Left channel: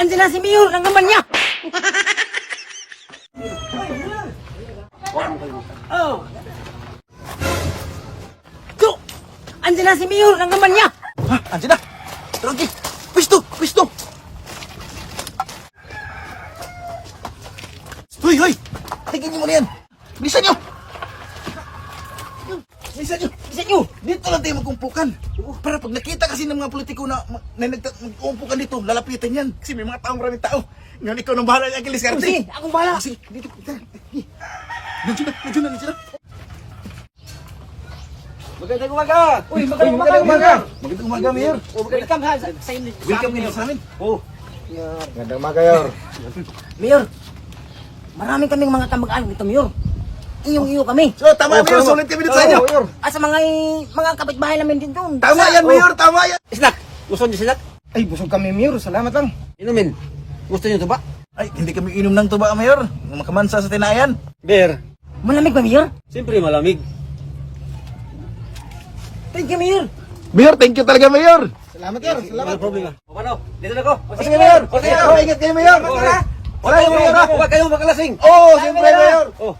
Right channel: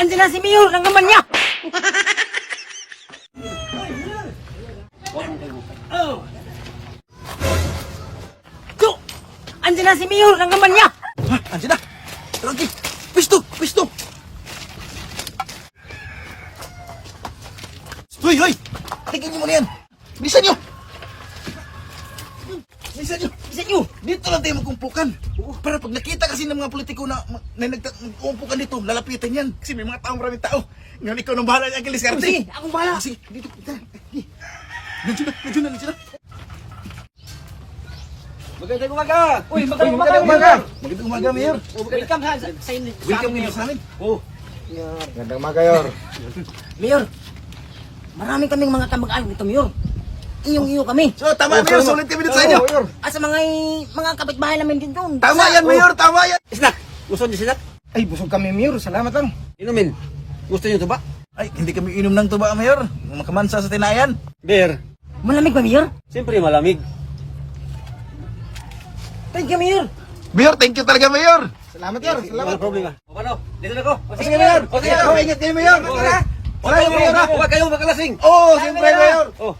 Andiyan na si Mayor, ang gaman niya. Oh. Cuk! Andiyan na si Mayor, ang gaman niya. Ha? Andiyan na. Rocky, pisto, pisto. Hoy, hoy. Tingnan niyo muna yan. Bilisan niyo. Bilisan niyo. Isa niyo. Dito lang tayo magkumpukan. Para pag nakita kasi ng mga politiko na nagkumpukan dito, lalapitan yan. Kasi may mga taong maraming tao. Ngayon ikaw nang bahala niya, Angeles Carte. Sige, akong bahala. Sige, dito. Nandiyan na. Magandang umaga! Uy, magandang umaga. Magandang umaga, Mayor. Welcome ha, sa inyo. Welcome ngayon sa amin. Oh, magandang umaga, Yor. Mayor, marami kaming mga kamag-anak dito, Mayor. Inyong-iyo kami. So, tama, Mayor. Sulit kami dito sa inyo. Yor. Sa mga kapitbahay namin din doon. Tama yan, Mayor. Tama yan. Snack! Gusto niyo snack? Ay, busog kami, Mayor. Salamat lang. Inumin. Gusto niyo ito ba? Ay, hindi kami inom ng tuba, Mayor. Makamansa sa tinayan. Beer. Malamig ba, Mayor? Siyempre malamig. Thank you, Mayor. Mayor, thank you talaga, Mayor. Salamat, Mayor. Wala problema. O paano? Dito na ko. Sige, Mayor. Sige, ingat kayo, Mayor. Wala kayong Mayor. Huwag kayong makalasing. Oo, siyempre, Mayor. Oh.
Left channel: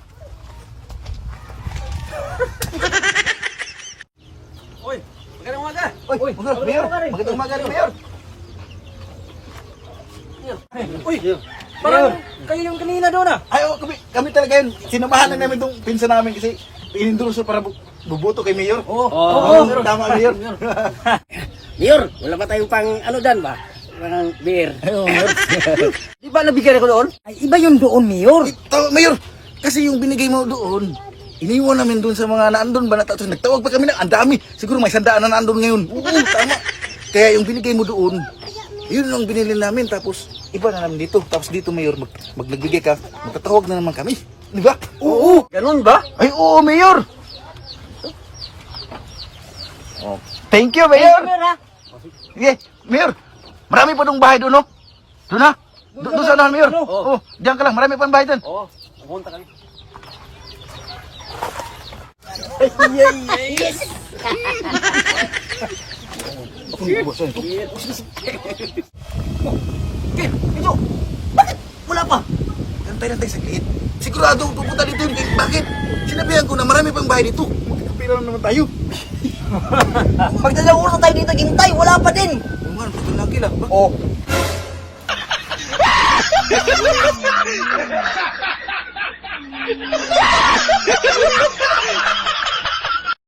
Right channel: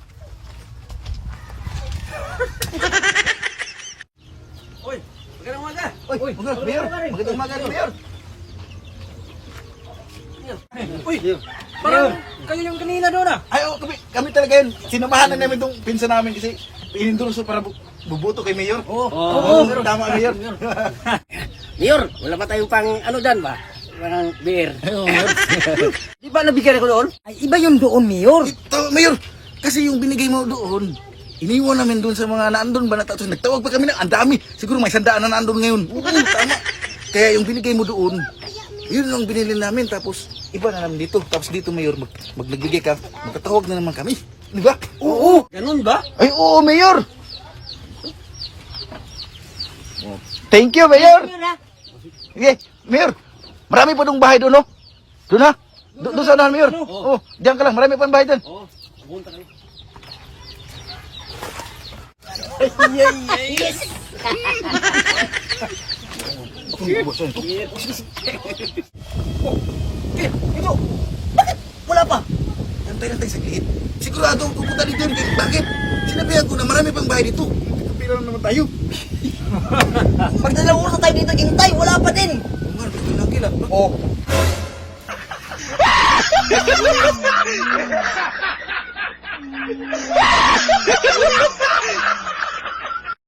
Uy, magandang umaga. Uy, Mayor. Magandang umaga, Mayor. Uy, Parang kayo yung kanina doon ah. Ay, oh, kami talaga yun. Sinamahan na namin itong pinsan namin kasi inendorso para buboto kay Mayor. Oo. Tama, Mayor. Mayor, wala pa tayong pang ano dyan ba? Parang beer. Ayun, Mayor. Di ba nabigyan ako doon? Ay, iba yung doon, Mayor. Tama, Mayor. Kasi yung binigay mo doon, iniwan namin doon sa mga naandun ba na tapos nagtawag pa kami na ang dami. Siguro may 100 na naandun ngayon. Oo, tama. Kaya yung binigay mo doon, yun ang binili namin tapos iba na namin dito. Tapos dito, Mayor, nagbigay ka, magtatawag na naman kami. Di ba? Oo. Ganun ba? Ay, oo, Mayor. Thank you, Thank you, Mayor ha. Yes, Mayor. Marami pa itong bahay doon, no? Doon na? Doon sa ano, Mayor? Oo. Diyan ka lang, marami pa ang bahay doon. Oo. Pumunta kami. Yes. Ako yung boss, ito. Ito. Bakit wala pa? Magantay na tayo saglit. Sigurado ang pupunta dito yun. Bakit? Sinabihan ko na marami pang bahay dito. Magkakapira na naman tayo. Magdadang oras na tayo dito, hintay. Wala pa din. Oo nga, pwede lang kila. Oh.